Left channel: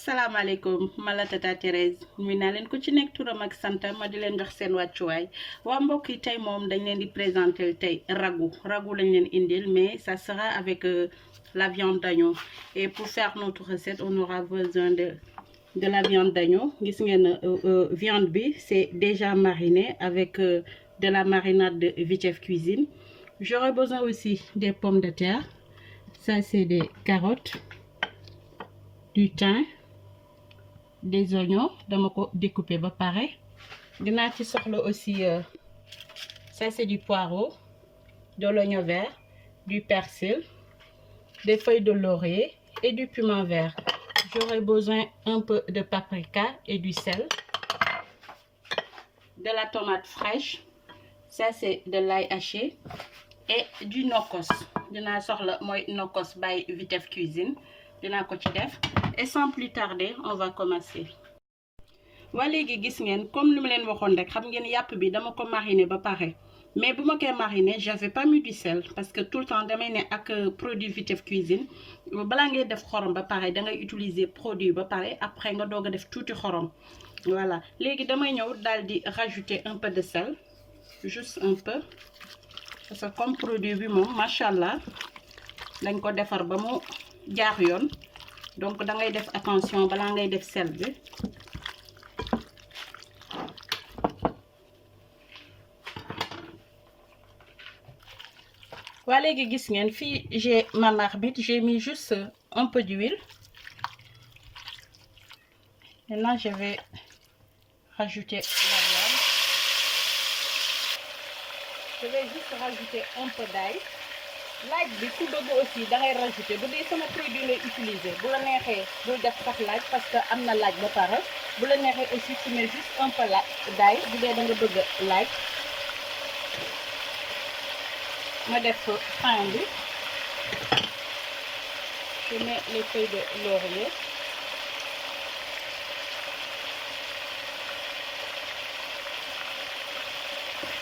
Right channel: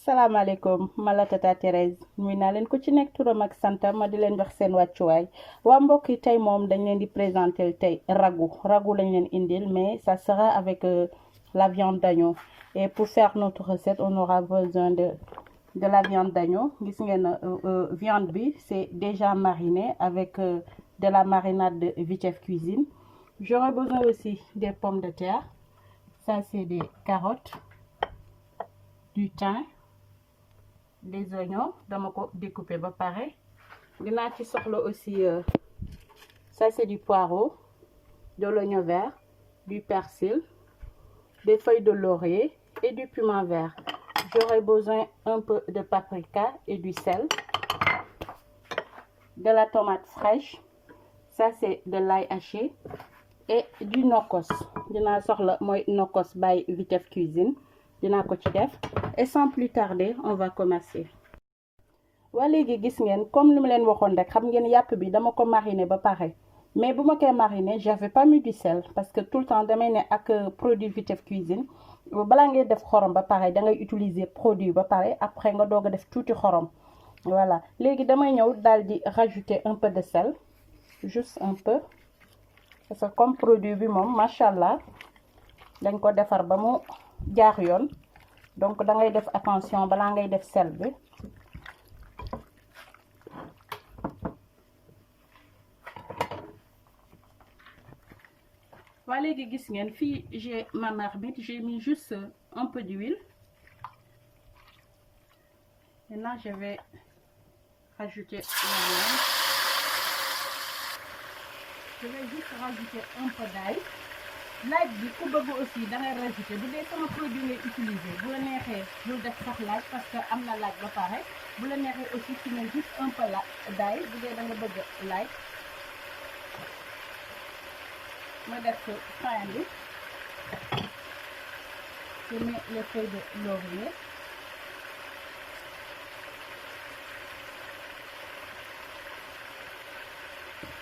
asalaamaaleykum ma la tata Thérèse nuyu naa leen ku ci nekk turam ak santam ma di leen jox seen wàccuwaay waa mbokk yi tey moom dañ leen di présenter tey ragoût lañ leen indil mais ça sera avec la viande d'agneau et pour faire notre recette on aura besoin de la viande d'agneau gis ngeen viande bi c'est déjà mariné avec de la marinade de Vitef Cuisine. J'aurai besoin aussi des pommes de terre, ça c'est des carottes, du thym, des oignons dama ko découper ba pare dinaa ci soxla aussi ça c'est du poireau, de l'oignon vert, du persil, des feuilles de laurier et du piment vert. J'aurai besoin un peu de paprika et du sel, de la tomate fraîche, ça c'est de l'ail haché et du nokkos dinaa soxla mooy nokkos by Vitef Cuisine dinaa ko ci def et sans plus tarder on va commencer. waa léegi gis ngeen comme li ma leen waxoon rek xam ngeen yàpp bi dama ko mariner ba pare mais bu ma koy mariner j'avais pas mis du sel parce que tout le temps damay ne ak produit Vitef Cuisine balaa ngay def xorom ba pare da ngay utiliser produit ba pare après nga doog a def tuuti xorom. Voilà léegi damay ñëw daal di rajouter un peu de sel, juste un peu, parce que comme produit bi moom macha allah dañ ko defar ba mu jaar yoon donc da ngay def attention balaa ngay def sel bi. waa léegi gis ngeen fii j'ai ma marmite, j'ai mis juste un peu d'huile. Maintenant je vais rajouter la viande. Je vais juste rajouter un peu d'ail. Laaj bi ku bëgg aussi da ngay rajouter bu dee sama produit ngay utiliser bu la neexee bul def sax laaj parce que am na laaj ba pare bu la neexee aussi tu mets juste un peu d'ail bu dee da nga bëgg laaj. ma def fin bi, je mets les feuilles de laurier.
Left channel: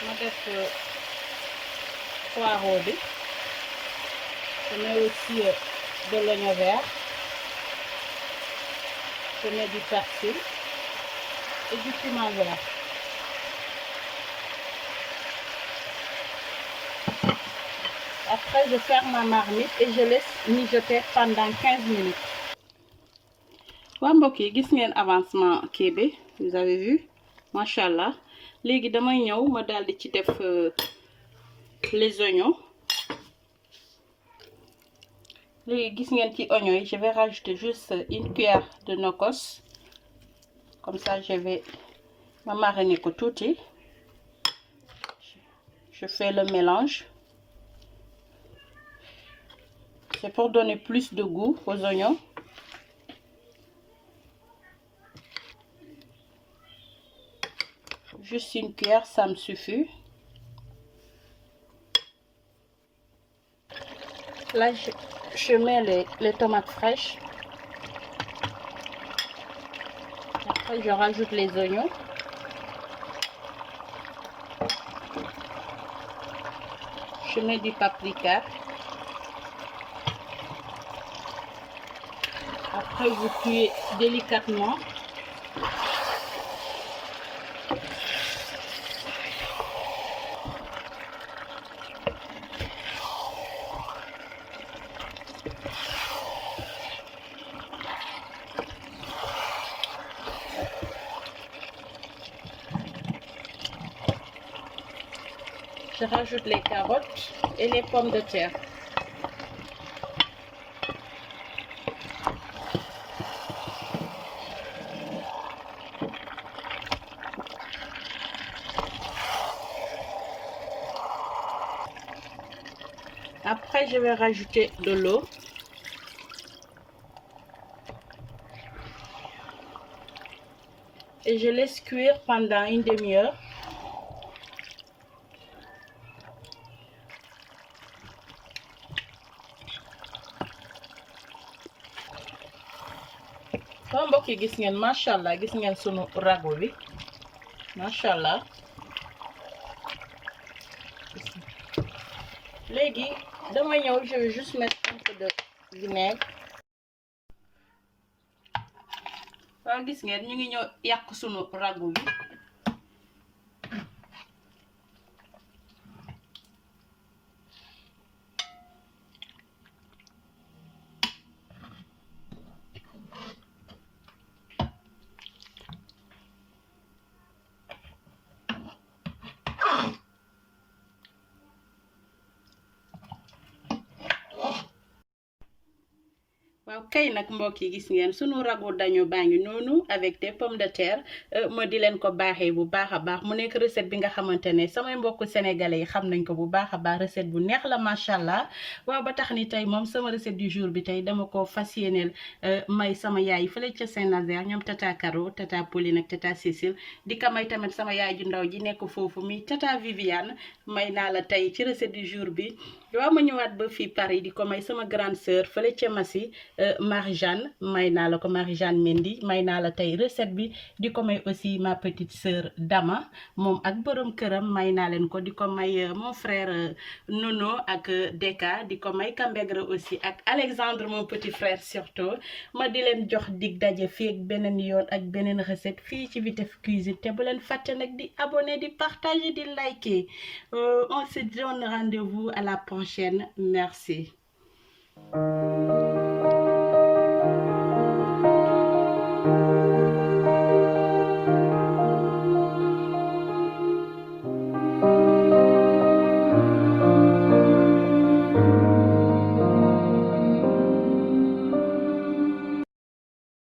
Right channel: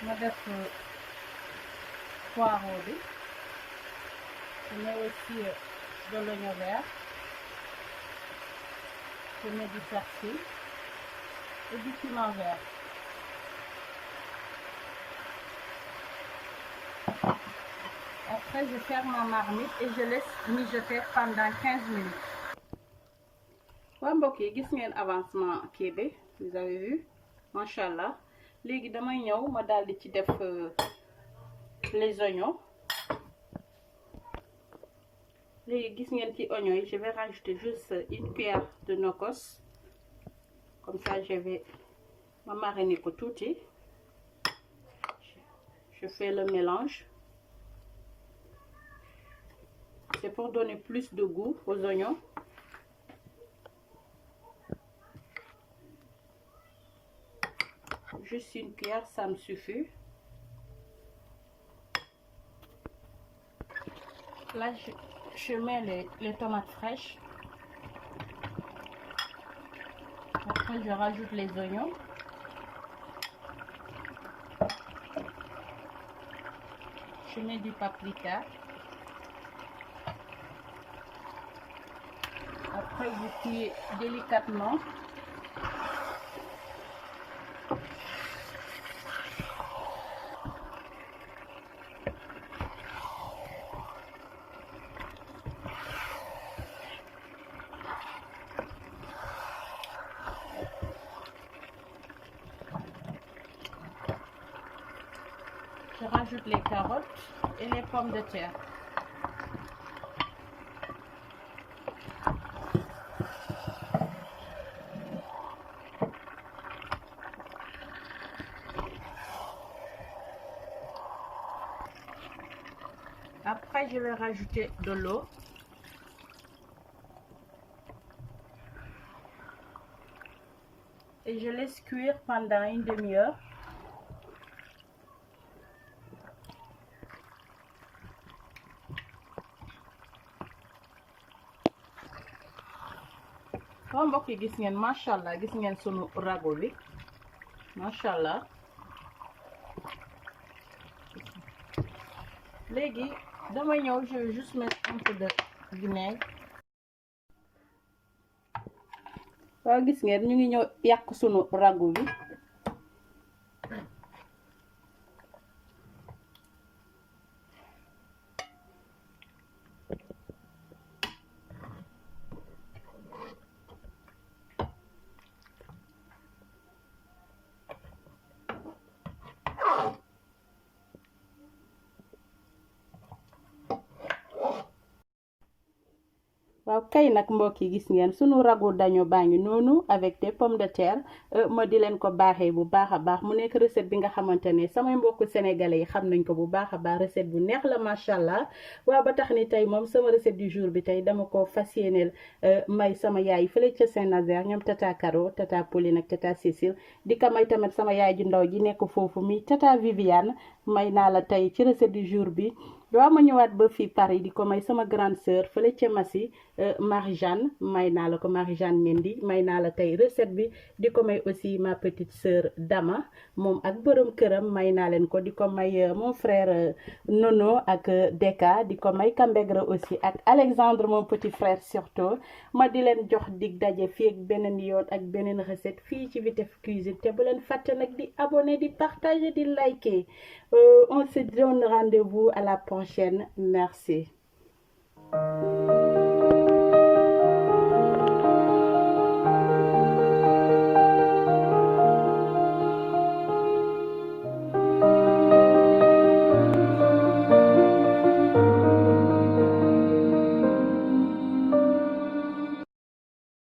ma def poireau bi, je mets aussi de l'oignon vert, je mets du persil et du piment vert. Après je ferme ma marmite et je laisse mijoter pendant 15 minutes. waa mbokk yi gis ngeen avancement kii bi, vous avez vu macha allah. léegi damay ñëw ma daal di ci def les oignons. léegi gis ngeen ci oignons yi je vais rajouter juste une cuillère de nokkos, comme ça je vais ma mariner ko tuuti. Je fais le mélange. C'est pour donner plus de goût aux oignons. Juste une cuillère, ça me suffit. Là, je mets les tomates fraîches. Après, je rajoute les oignons. Je mets du paprika. Après, vous cuisez délicatement. Je rajoute les carottes et les pommes de terre. Après, je vais rajouter de l'eau. Et je laisse cuire pendant une demi-heure. Waa mbokk yi gis ngeen macha allah gis ngeen sunu ragoût bi macha allah. léegi dama ñëw je vais juste mettre un peu de vinaigre. waaw gis ngeen ñu ngi ñëw yàq sunu ragu bi. waaw kay nag mbokk yi gis ngeen sunu ragu dañu baa ngi noonu avec des pommes de terre ma di leen ko baaxee bu baax a baax mu nekk recette bi nga xamante ne samay mbokku sénégalais yi xam nañ ko bu baax a baax recette bu neex la macha allah. waaw ba tax ni tey moom sama recette du jour bi tey dama ko fas yéeneel may sama yaay fële ca Saint-Nazaire ñoom tata Caro tata Pauline ak tata Cécile di ko may tamit sama yaay ju ndaw ji nekk foofu mi tata Viviane may naa la tey ci recette du jour bi. waaw ma ñëwaat ba fii Paris di ko may sama grande sœur fële ca Massy Marie-Jeanne may naa la ko Marie-Jeanne Mendy may naa la tey recette bi di ko may aussi ma petite sœur Dama moom ak borom këram may naa leen ko di ko may mon frère Nono ak Deka di ko may Kambegre aussi ak Alexandre mon petit frère surtout ma di leen jox dig daje fii ak beneen yoon ak beneen recette fii ci Vitef Cuisine te bu leen fàtte nag di abonner di partager di liker on se donne rendez-vous à la prochaine. Merci.